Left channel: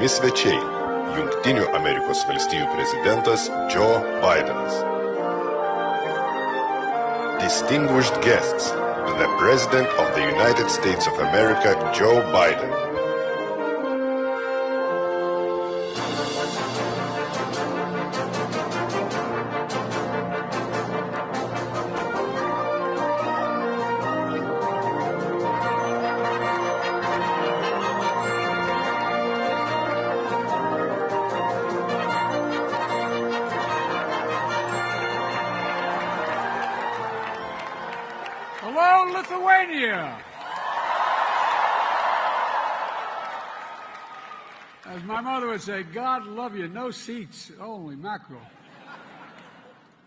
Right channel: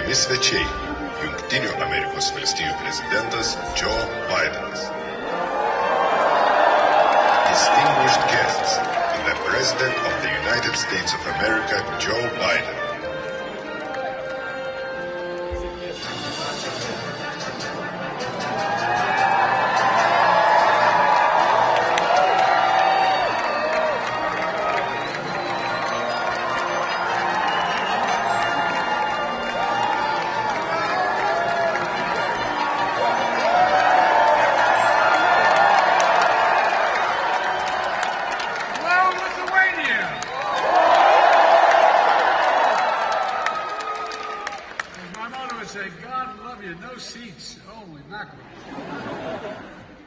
місцевий Юктів Американський президентас Джо Байден. Distinguished guests, the President of the United States of America, Joe Biden.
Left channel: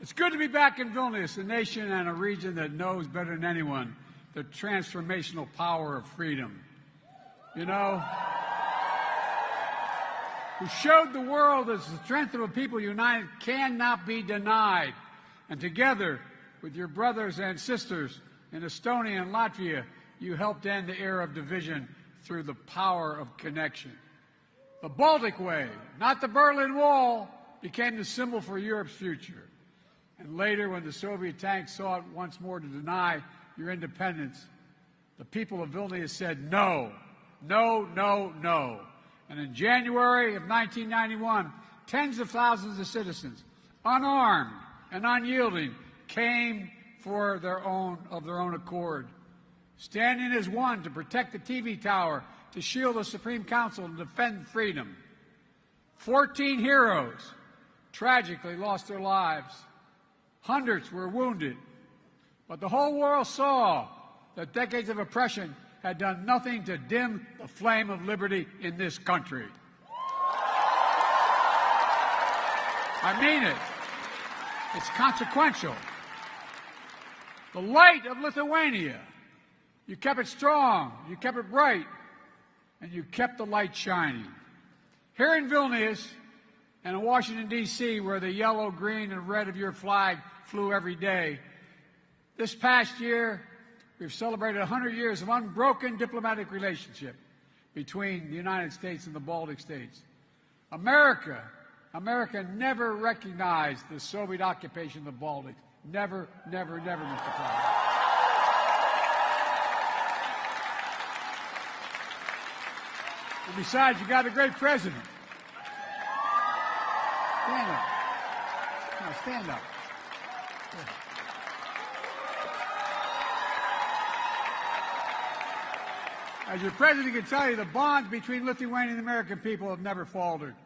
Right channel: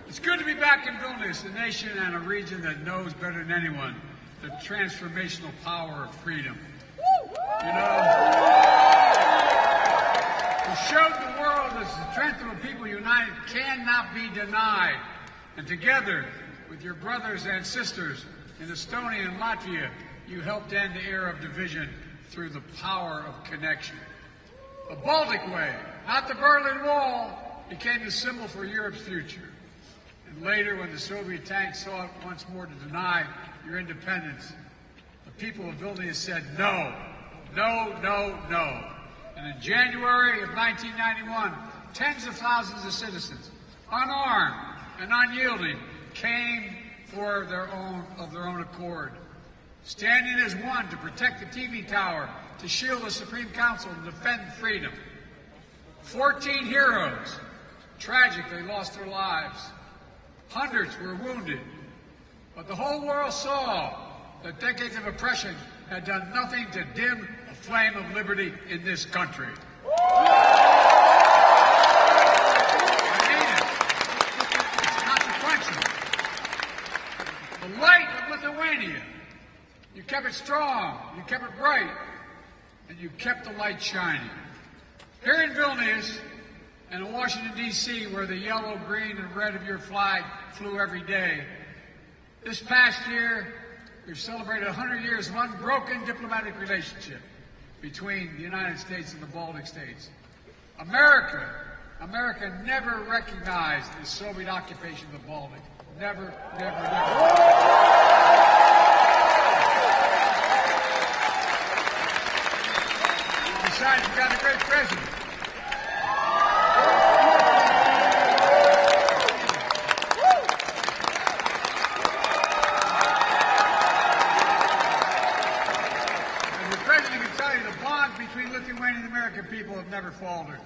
It's good to be back in Vilnius, a nation and a region that knows better than anyone the transformational power of freedom. You know, to show the world that the strength of a people united cannot be denied. And together with your brothers and sisters in Estonia and Latvia, you helped end the era of division through the power of connection. The Baltic Way, not the Berlin Wall, became the symbol for Europe's future. And later, when the Soviet tanks sought once more to deny your independence, the people of Vilnius said no, no, no, no. And in January of 1991, tens of thousands of citizens, unarmed and unyielding, came for their own accord, standing as one to protect the TV tower, to shield the Supreme Council, to defend freedom. 14 heroes tragically lost their lives. Hundreds were wounded. But the whole world saw that decades of oppression had done nothing to dim the flame of liberty in this country. I mean it. It's consequential. The light of Lithuania, you kept it strong, you kept it bright, and you kept the light shining. Here in Vilnius and in Washington, D.C., where the yellow, green, and red of your flag flew every day, this past year, we've celebrated 100 years of unbroken diplomatic relationship between the United States and the Baltic states. America never recognized the Soviet occupation of the Baltic. Never, never, never. Besides, you got a great president. As the president can tell you, the bond between Lithuanian and American people have never faltered.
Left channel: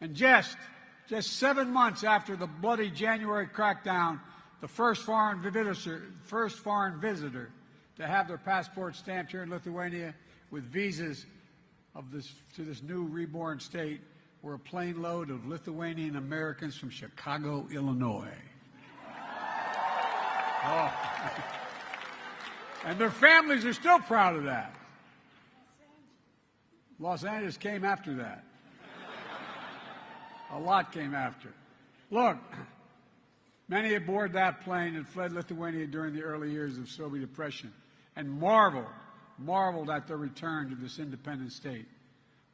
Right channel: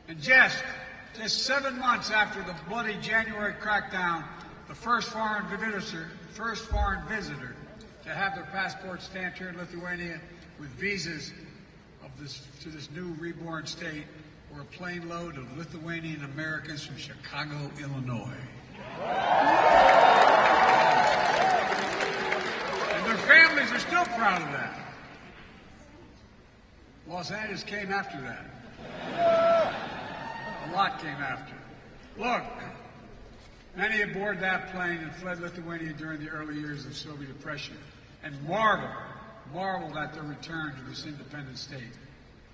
And just 7 months after the bloody January crackdown, the first foreign visitor to have their passport stamped here in Lithuania with visas to this new reborn state were a plane load of Lithuanian Americans from Chicago, Illinois. And their families are still proud of that. Los Angeles came after that. A lot came after. Look, many aboard that plane and fled Lithuania during the early years of Soviet oppression and marveled at their return to this independent state.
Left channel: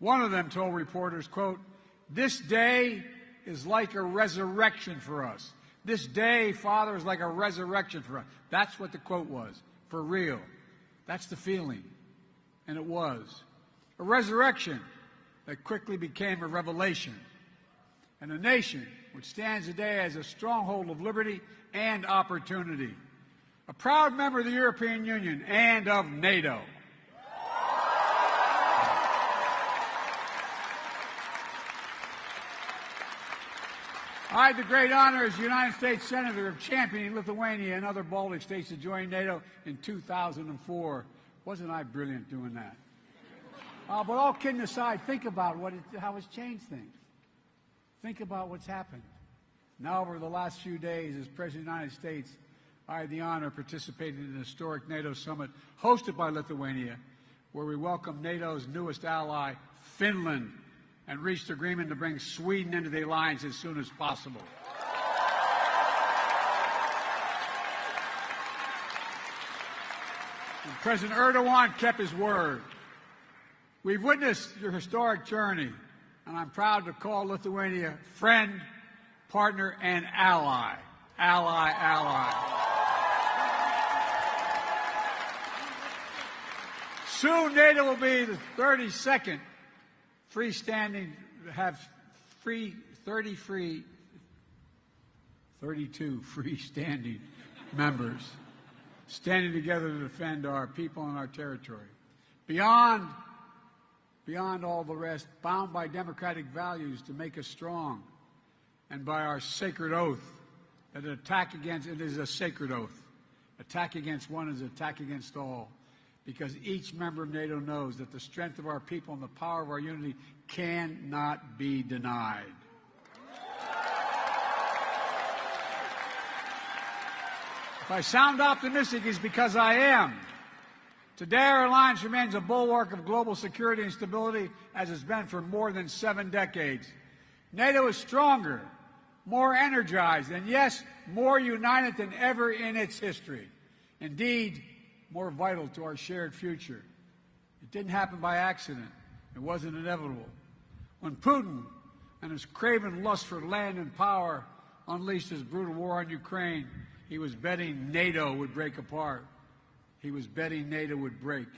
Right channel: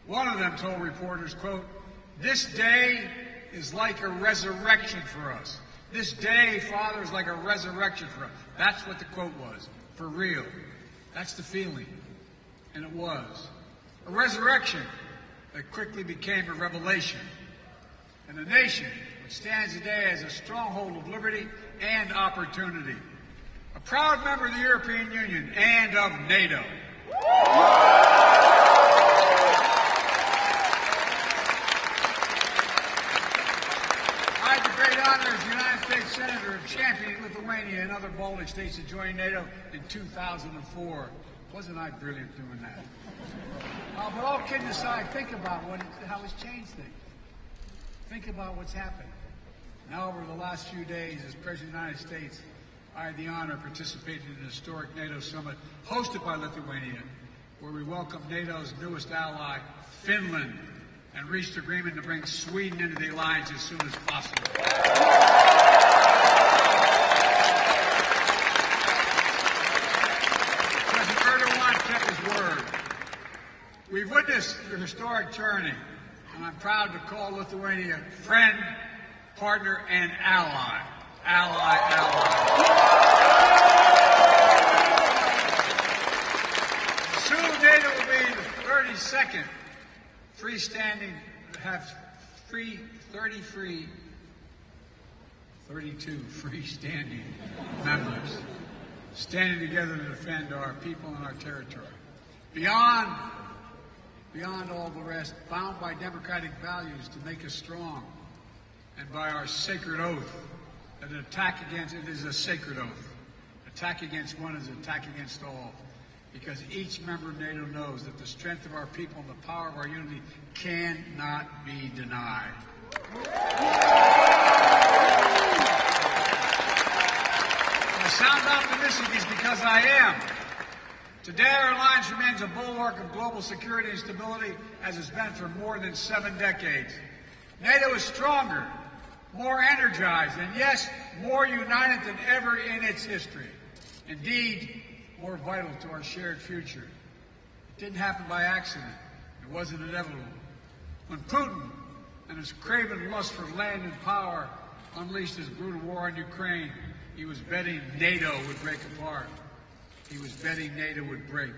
One of them told reporters, quote, "This day is like a resurrection for us. This day, Father, is like a resurrection for us." That's what the quote was, for real. That's the feeling. And it was. A resurrection that quickly became a revelation. And a nation which stands today as a stronghold of liberty and opportunity. A proud member of the European Union and of NATO. I had the great honor as United States Senator of championing Lithuania and other Baltic states to join NATO in 2004. Wasn't I brilliant doing that? But all kidding aside, think about how it's changed things. Think about what's happening. Now, over the last few days, as President of the United States, I had the honor of participating in the historic NATO summit hosted by Lithuania, where we welcomed NATO's newest ally, Finland, and reached agreement to bring Sweden into the alliance as soon as possible. President Erdogan kept his word. We've witnessed the historic journey and I'm proud to call Lithuania friend, partner, and ally. Soon NATO will be the 32nd freestanding, have 32 freestanding members standing together to defend our people and our territory. Beyond all the rest, bound by democratic values to make us strong, and by our sacred oath, that an attack against it is a sacred oath. Attack against one is attack against all, because each member of NATO knows that the strength of our people and the power of our unity cannot be denied. If I sound optimistic, it's because I am. Today, our alliance remains a bulwark of global security and stability, as it's been for more than 7 decades. NATO is stronger, more energized, and yes, more united than ever in its history. Indeed, more vital to our shared future. It didn't happen by accident. It wasn't inevitable. When Putin and his craven lust for land and power unleashed his brutal war in Ukraine, he was betting NATO would break apart. He was betting NATO would break.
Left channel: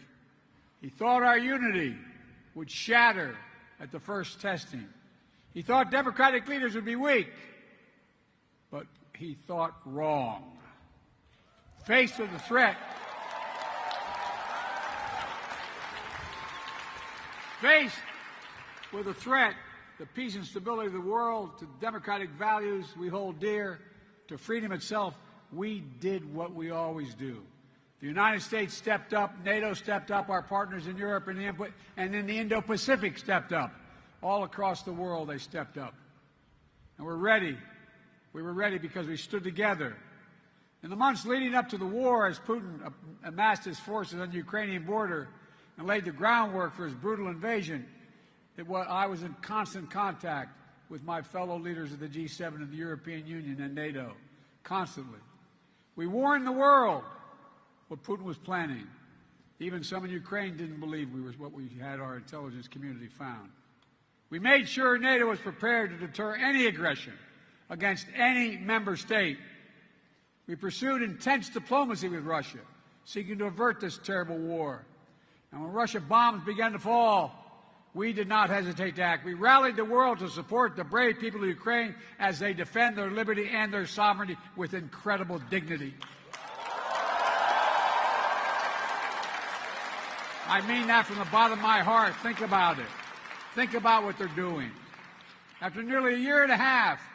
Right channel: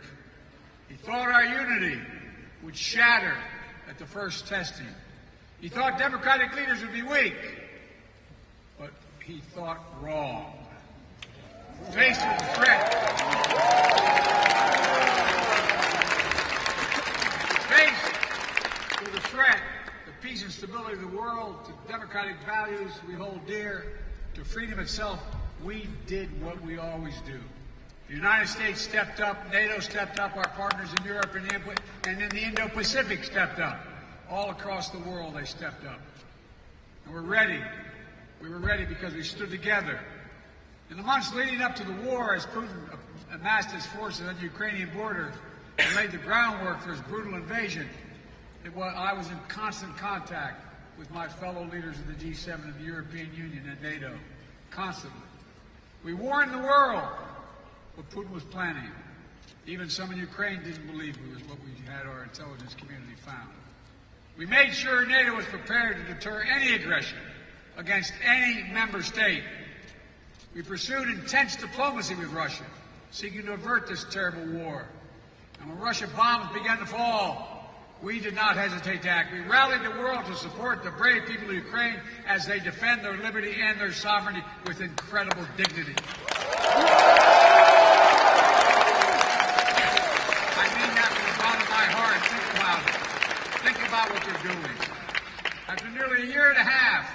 He thought our unity would shatter at the first testing. He thought democratic leaders would be weak, but he thought wrong. Faced with the threat, the peace and stability of the world, to the democratic values we hold dear, to freedom itself, we did what we always do. The United States stepped up, NATO stepped up, our partners in Europe and in the Indo-Pacific stepped up. All across the world they stepped up. And we're ready. We were ready because we stood together. In the months leading up to the war, as Putin amassed his forces on the Ukrainian border and laid the groundwork for his brutal invasion, I was in constant contact with my fellow leaders of the G7 and the European Union and NATO. Constantly. We warned the world what Putin was planning. Even some in Ukraine didn't believe it was what we had our intelligence community found. We made sure NATO was prepared to deter any aggression against any member state. We pursued intense diplomacy with Russia, seeking to avert this terrible war. And when Russian bombs began to fall, we did not hesitate to act. We rallied the world to support the brave people of Ukraine as they defend their liberty and their sovereignty with incredible dignity. I mean that from the bottom of my heart. Think about it. Think about what they're doing. After nearly a year and a half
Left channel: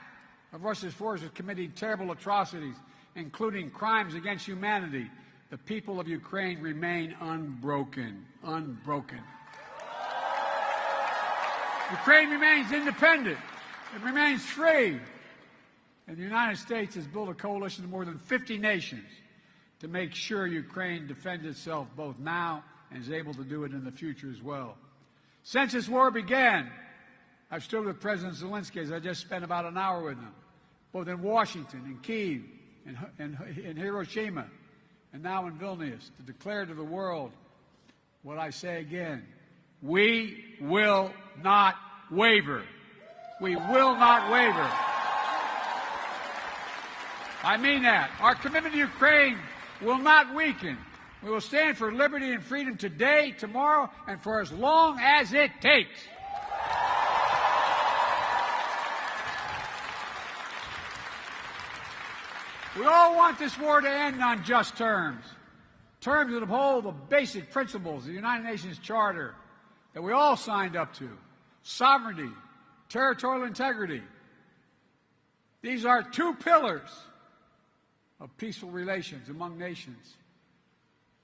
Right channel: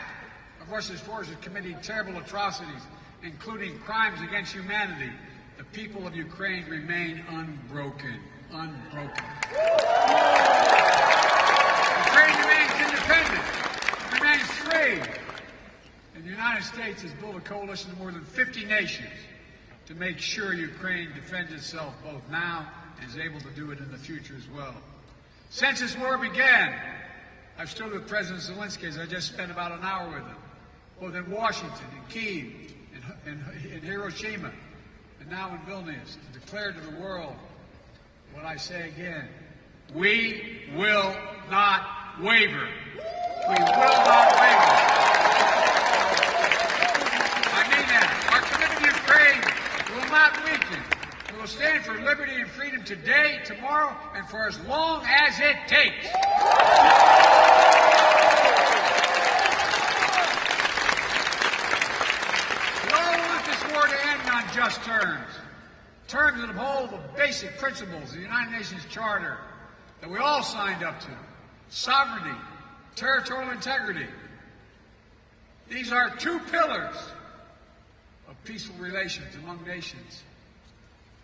of Russia's forces committing terrible atrocities, including crimes against humanity, the people of Ukraine remain unbroken. Ukraine remains independent. It remains free. And the United States has built a coalition of more than 50 nations to make sure Ukraine defends itself both now and is able to do it in the future as well. Since this war began, I've stood with President Zelenskyy, as I just spent about an hour with him, both in Washington, in Kyiv, in Hiroshima, and now in Vilnius, and declared to the world what I say again: we will not waver. We will not waver. I mean that. Our commitment to Ukraine will not weaken. We will stand for liberty and freedom today, tomorrow, and for as long as it takes. We all want this war to end on just terms. Terms that uphold the basic principles of the United Nations Charter that we all signed up to: sovereignty, territorial integrity. These are 2 pillars of peaceful relations among nations.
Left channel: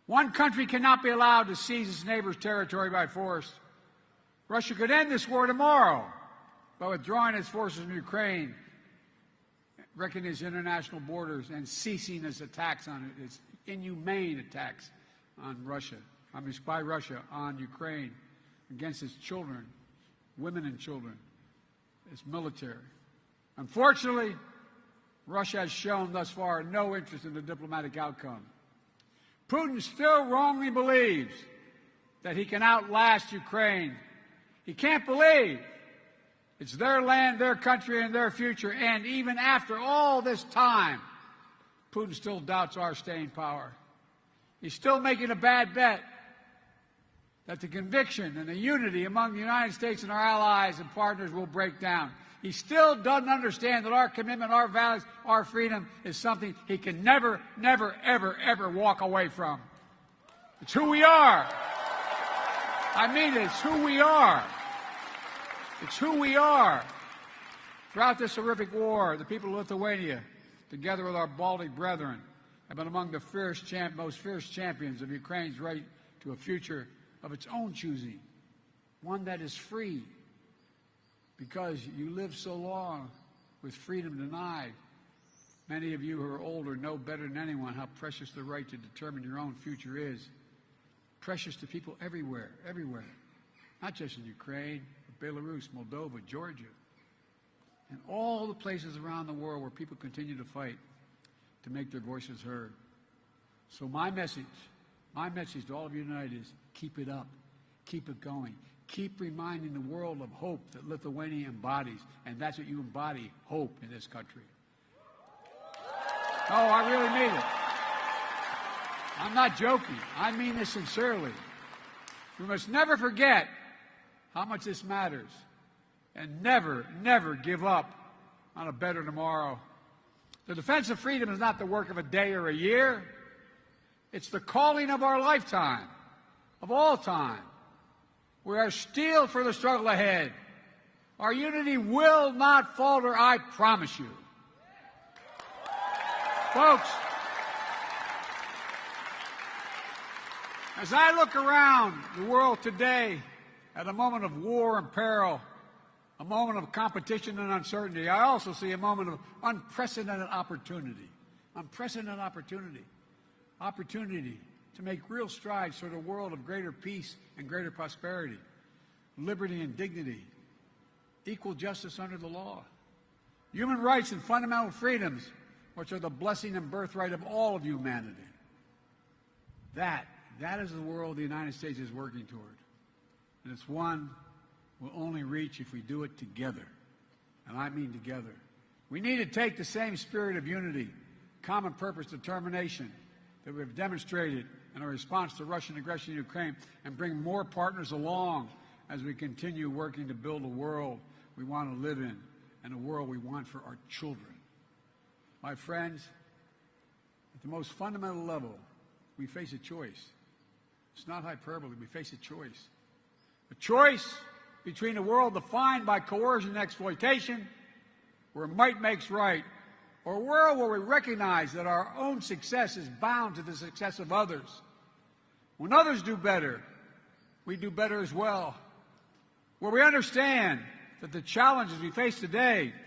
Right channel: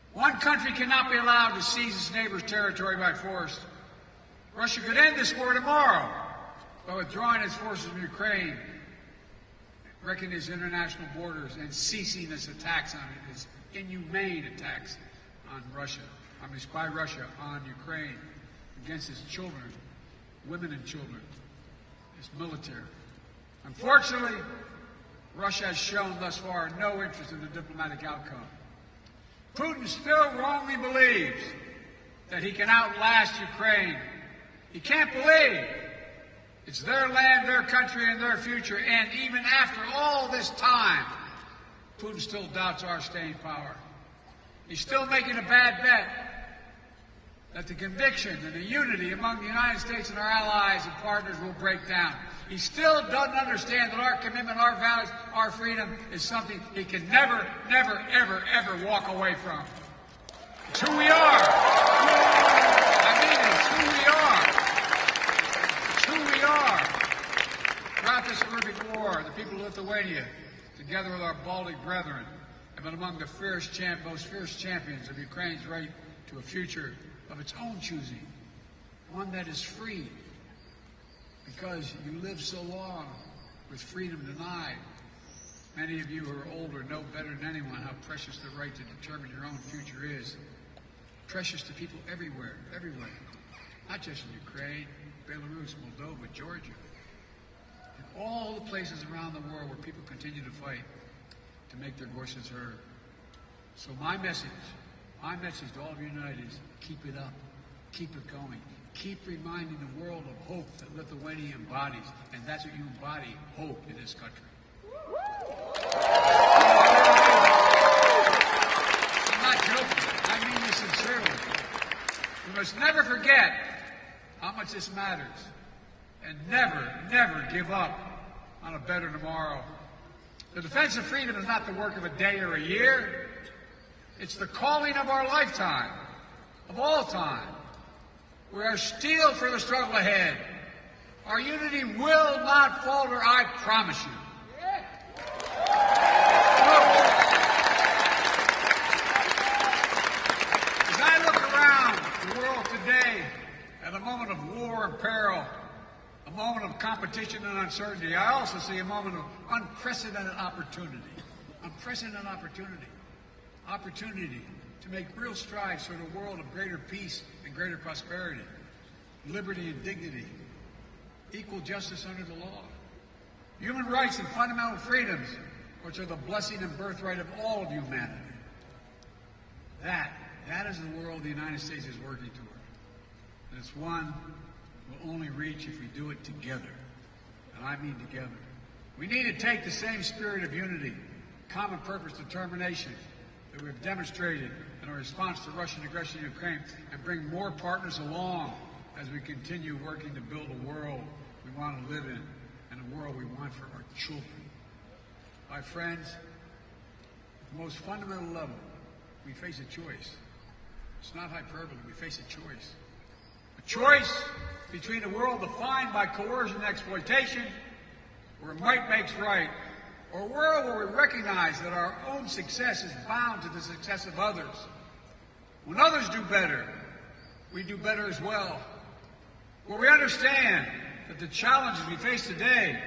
One country cannot be allowed to seize its neighbor's territory by force. Russia could end this war tomorrow by withdrawing its forces from Ukraine, wrecking its international borders, and ceasing its attacks on its inhumane attacks on Russia, by Russia on Ukraine, against its children, women and children, its military. Unfortunately, Russia has shown thus far no interest in the diplomatic outcome. Putin still wrongly believes that he can outlast Ukraine. He can't believe It's their land, their country, and their future. And even after all this time, Putin still doubts our staying power. He's still making a bad bet that the conviction and the unity among the United States and our allies and partners will break down. He still doesn't understand that our commitment, our values, our freedom is something he can never, never, ever, ever walk away from. It's who we are. I mean, it's who we are. It's who we are. Throughout this horrific war, the people of Lithuania, together with our Baltic brethren, have been among the most fierce champions of Ukraine's right to a future of its own choosing, one that is free. Because you live so long with freedom denied. Many of you who are older know better than anyone how precious the right to determine your own future is. Precious to people everywhere. Not just in Ukraine, Belarus, Moldova, Georgia. And all the places around the world where people continue to fight to make their voices heard. So my message to all of you united is keep it up. Keep it going. Keep reminding the world of hope that Lithuania embodies, and that's what you embody, hope in this country. I'm not joking. I mean this sincerely. You must never forget how much this matters, and never, never give up on a better tomorrow. The defense of freedom is not the work of a day or a year. It's the calling of our lifetime, of all time. We are steeled for the struggle ahead. Our unity will not falter, I promise you. Folks, as I look around the world today at a moment of war and peril, a moment of competition and uncertainty, I also see a moment of unprecedented opportunity. Opportunity to make real strides for the world of greater peace and greater prosperity, liberty and dignity, equal justice under the law, human rights and fundamental freedoms, which are the blessing and birthright of all of humanity. That is the world the United States is working toward. And it's one we'll only reach if you do it together. And I mean together. We need to take the same spirit of unity, common purpose, determination that we've demonstrated in our response to Russian aggression in Ukraine and bring more partners along as we continue working to build the world we want to live in and the world we want for our children. My friends, at the most fundamental level, we face a choice. It's not hyperbole, we face a choice. A choice between a world defined by coercion and exploitation, where might makes right, or a world where we recognize that our own success is bound to the success of others. When others do better, we do better as well. Where we understand that the challenges we face today,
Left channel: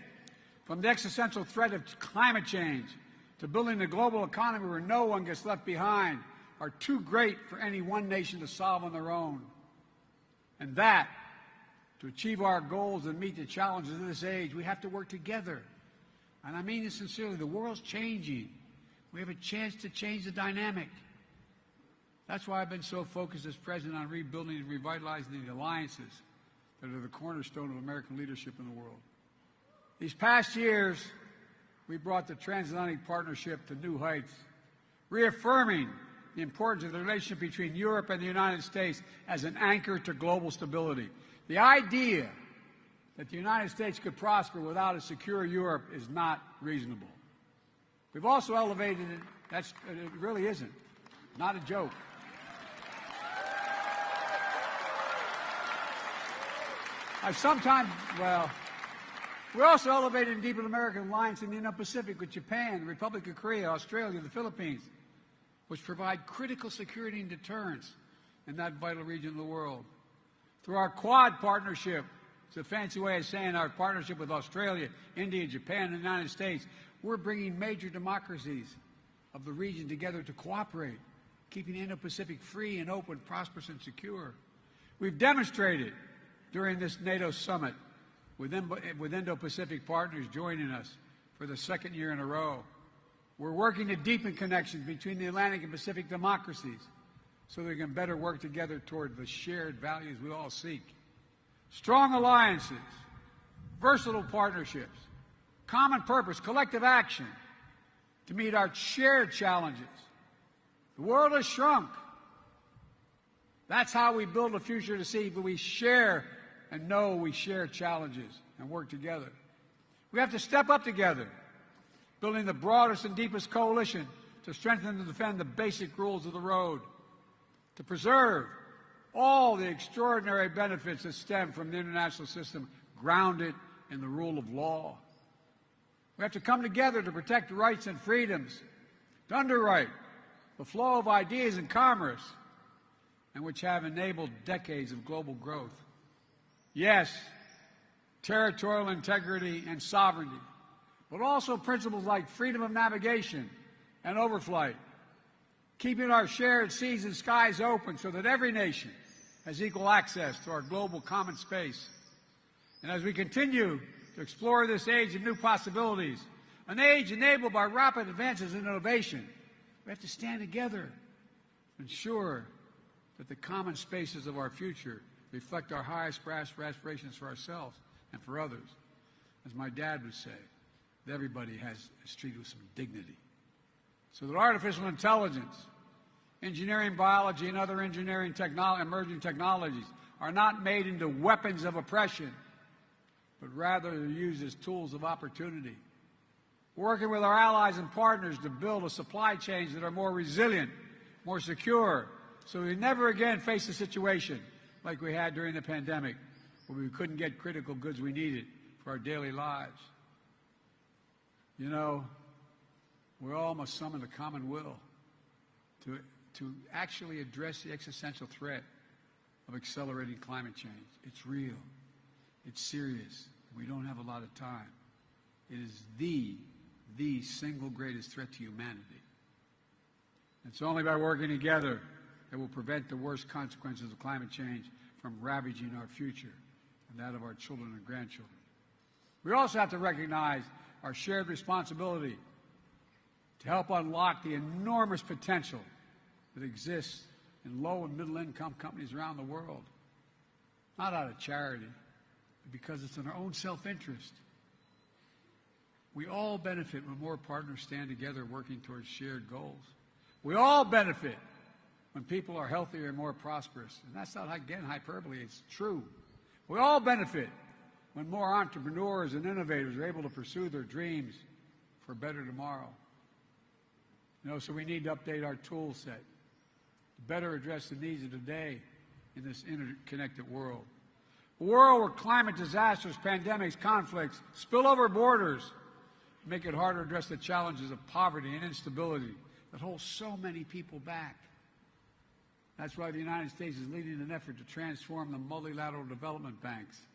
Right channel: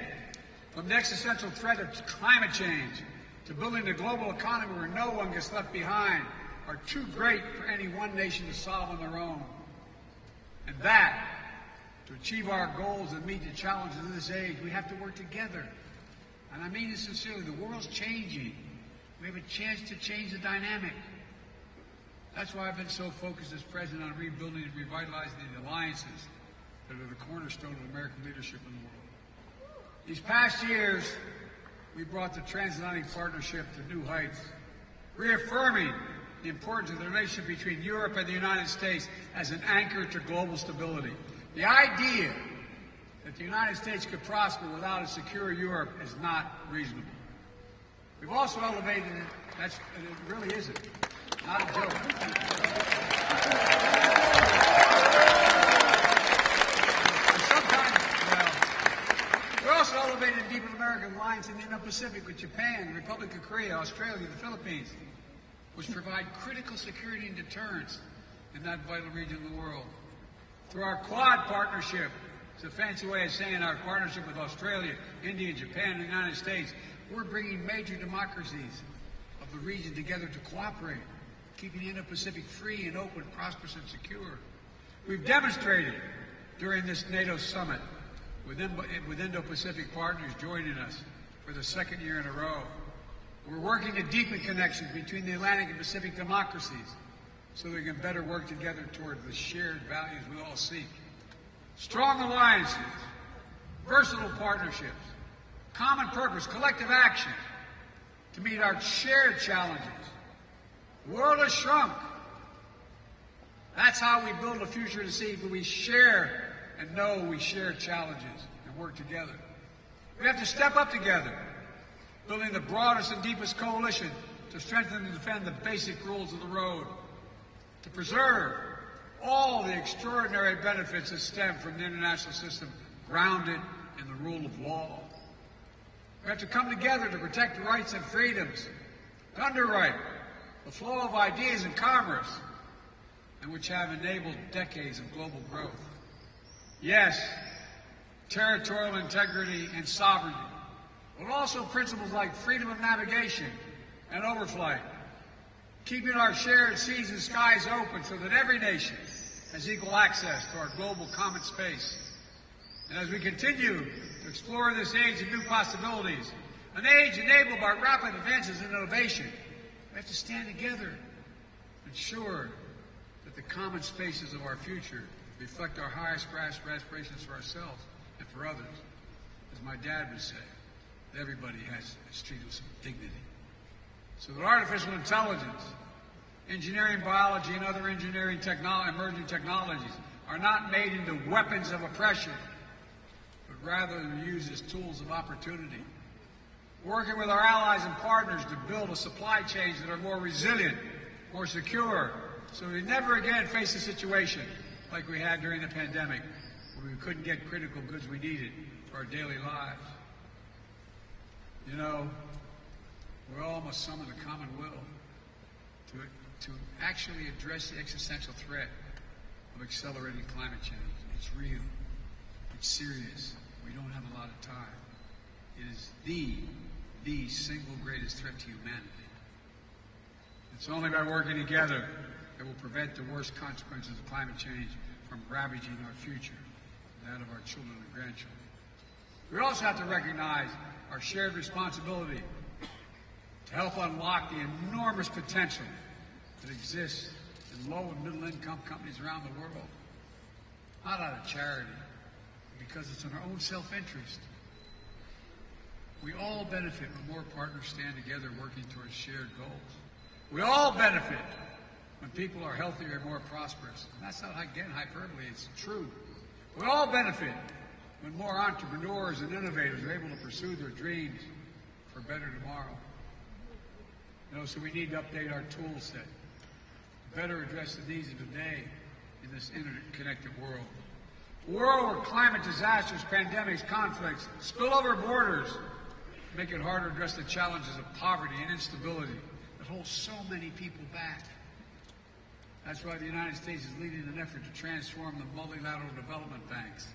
from the existential threat of climate change to building a global economy where no one gets left behind, are too great for any one nation to solve on their own. And that, to achieve our goals and meet the challenges of this age, we have to work together. And I mean this sincerely, the world's changing. We have a chance to change the dynamic. That's why I've been so focused as president on rebuilding and revitalizing the alliances that are the cornerstone of American leadership in the world. These past years, we brought the transatlantic partnership to new heights, reaffirming the importance of the relationship between Europe and the United States as an anchor to global stability. The idea that the United States could prosper without a secure Europe is not reasonable. We've also elevated, and it really isn't, not a joke. Sometimes, we're also elevating deep American alliance in the Indo-Pacific with Japan, the Republic of Korea, Australia, and the Philippines, which provide critical security and deterrence in that vital region of the world. Through our Quad partnership, it's a fancy way of saying our partnership with Australia, India, Japan, and the United States, we're bringing major democracies of the region together to cooperate, keeping the Indo-Pacific free and open, prosperous, and secure. We've demonstrated during this NATO summit, with Indo-Pacific partners joining us for the second year in a row, we're working to deepen connections between the Atlantic and Pacific democracies so we can better work together toward the shared values we all seek. Strong alliances versatile partnerships, common purpose, collective action to meet our shared challenges. The world has shrunk. That's how we build a future to see that we share and know we share challenges and work together. We have to step up together, building the broadest and deepest coalition to strengthen and defend the basic rules of the road, to preserve all the extraordinary benefits that stem from an international system grounded in the rule of law. We have to come together to protect rights and freedoms, to underwrite the flow of ideas and commerce, and which have enabled decades of global growth. Yes, territorial integrity and sovereignty, but also principles like freedom of navigation and overflight, keeping our shared seas and skies open so that every nation has equal access to our global common space. And as we continue to explore this age of new possibilities, an age enabled by rapid advances in innovation, we have to stand together to ensure that the common spaces of our future reflect our highest aspirations for ourselves and for others. As my dad would say, that everybody has a street of some dignity. So that artificial intelligence, engineering, biology, and other engineering emerging technologies are not made into weapons of oppression, but rather they're used as tools of opportunity. Working with our allies and partners to build supply chains that are more resilient, more secure, so that we never again face a situation like we had during the pandemic, where we couldn't get critical goods we needed for our daily lives. You know, we all must summon the common will to actually address the existential threat of accelerating climate change. It's real. It's serious. We don't have a lot of time. It is the single greatest threat to humanity. It's only by working together that will prevent the worst consequences of climate change from ravaging our future and that of our children and grandchildren. We also have to recognize our shared responsibility to help unlock the enormous potential that exists in low and middle income countries around the world. Not out of charity, because it's in our own self-interest. We all benefit when more partners stand together working towards shared goals. We all benefit when people are healthier and more prosperous. And that's not like getting hyperbole, it's true. We all benefit when more entrepreneurs and innovators are able to pursue their dreams for a better tomorrow. You know, so we need to update our tool set to better address the needs of today in this interconnected world. A world where climate disasters, pandemics, conflicts, spill over borders, make it harder to address the challenges of poverty and instability that hold so many people back. That's why the United States is leading an effort to transform the multilateral development banks,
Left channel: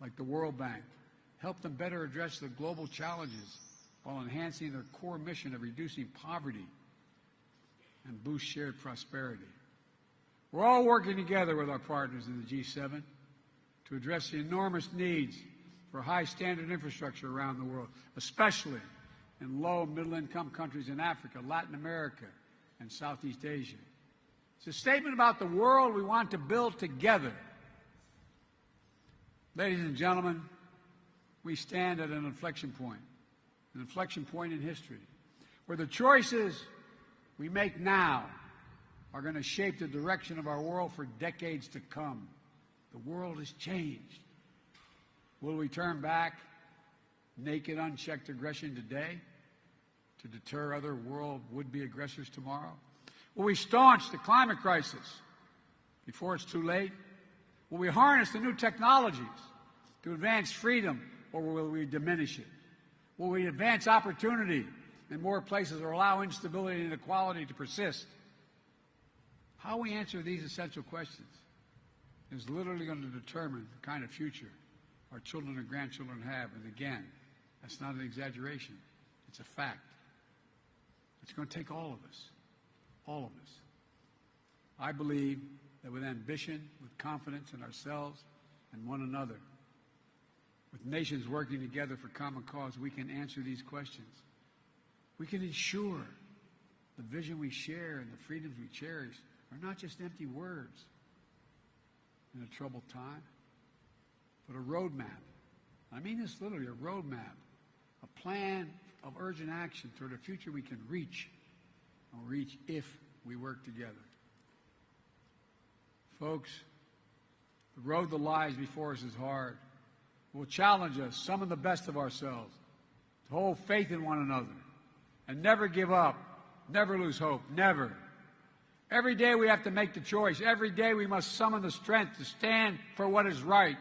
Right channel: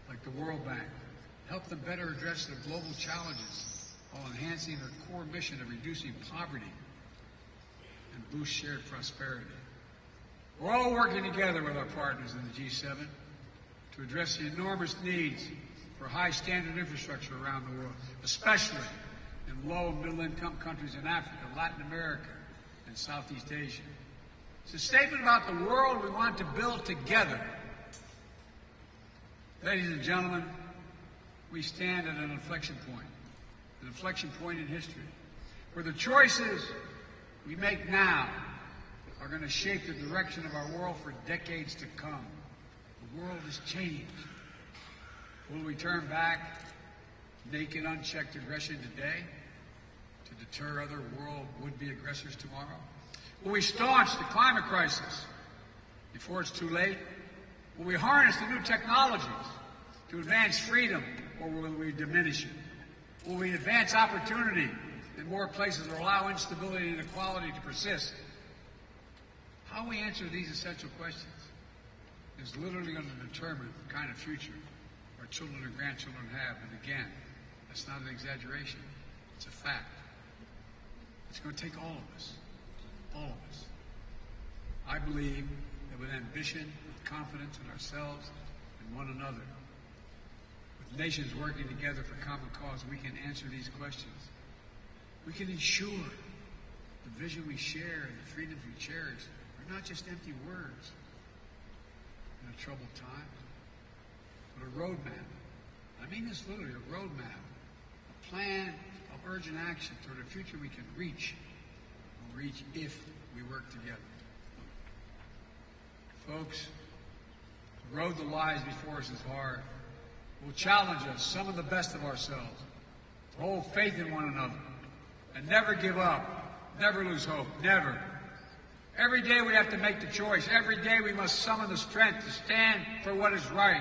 like the World Bank, help them better address their global challenges while enhancing their core mission of reducing poverty and boost shared prosperity. We're all working together with our partners in the G7 to address the enormous needs for high-standard infrastructure around the world, especially in low- and middle-income countries in Africa, Latin America, and Southeast Asia. It's a statement about the world we want to build together. Ladies and gentlemen, we stand at an inflection point in history, where the choices we make now are going to shape the direction of our world for decades to come. The world is changing. Will we turn back naked, unchecked aggression today to deter other world would-be aggressors tomorrow? Will we staunch the climate crisis before it's too late? Will we harness the new technologies to advance freedom, or will we diminish it? Will we advance opportunity in more places, allow instability and inequality to persist? How we answer these essential questions is literally going to determine the kind of future our children and grandchildren have. And again, that's not an exaggeration. It's a fact. It's going to take all of us. All of us. I believe that with ambition and confidence in ourselves and one another, with nations working together for common cause, we can answer these questions. We can ensure the vision we share and the freedom we cherish are not just empty words in a troubled time, but a roadmap, an mean this literally, a roadmap, a plan of urgent action toward a future we can reach if we work together. Folks, the road that lies before us is hard. It will challenge us, some of the best of ourselves, to hold faith in one another, and never give up, never lose hope, never. Every day we have to make the choice. Every day we must summon the strength to stand for what is right,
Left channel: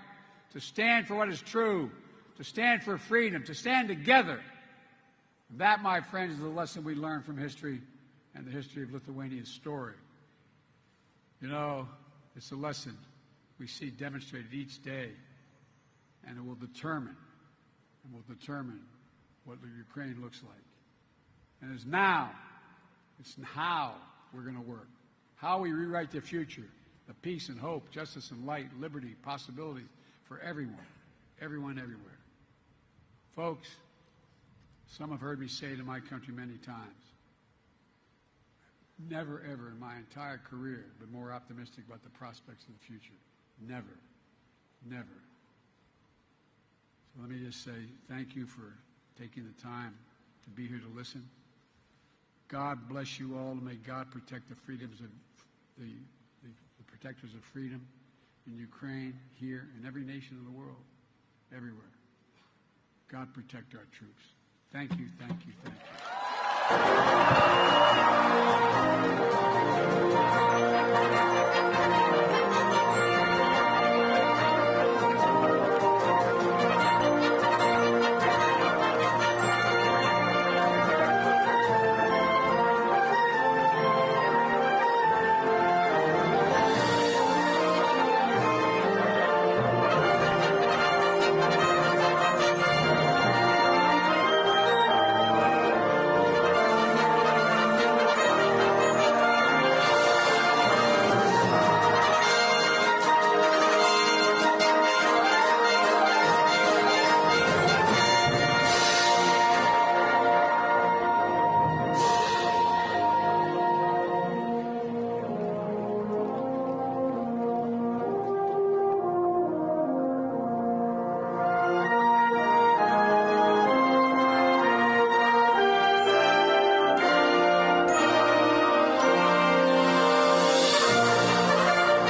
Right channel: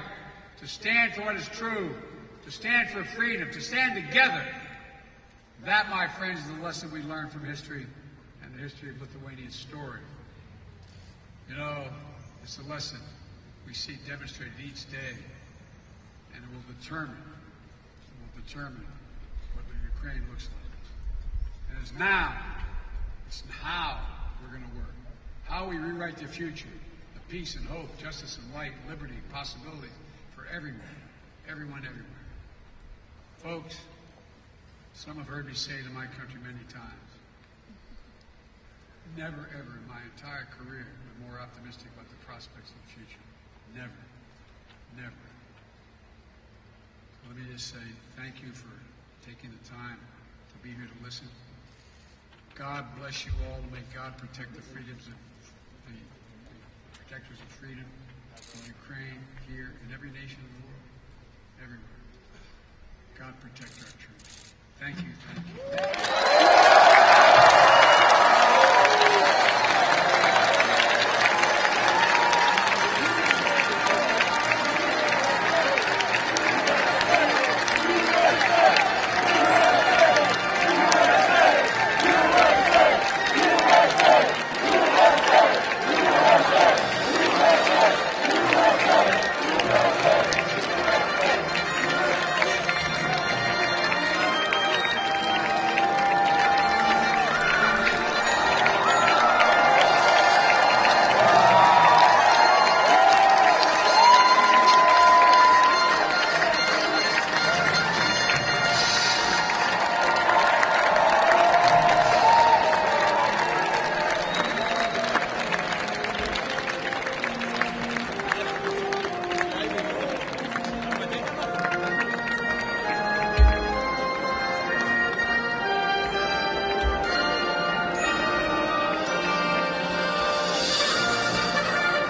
to stand for what is true, to stand for freedom, to stand together. That, my friends, is the lesson we learn from history and the history of Lithuania's story. You know, it's a lesson we see demonstrated each day, and it will determine what Ukraine looks like. And it's now, it's how we're going to work. How we rewrite the future of peace and hope, justice and light, liberty, possibility for everyone, everywhere. Folks, some have heard me say to my country many times, never ever in my entire career been more optimistic about the prospects of the future. Never. Never. Let me just say thank you for taking the time to be here to listen. God bless you all. May God protect the freedoms of the protectors of freedom in Ukraine, here, in every nation of the world, everywhere. God protect our troops. Thank you.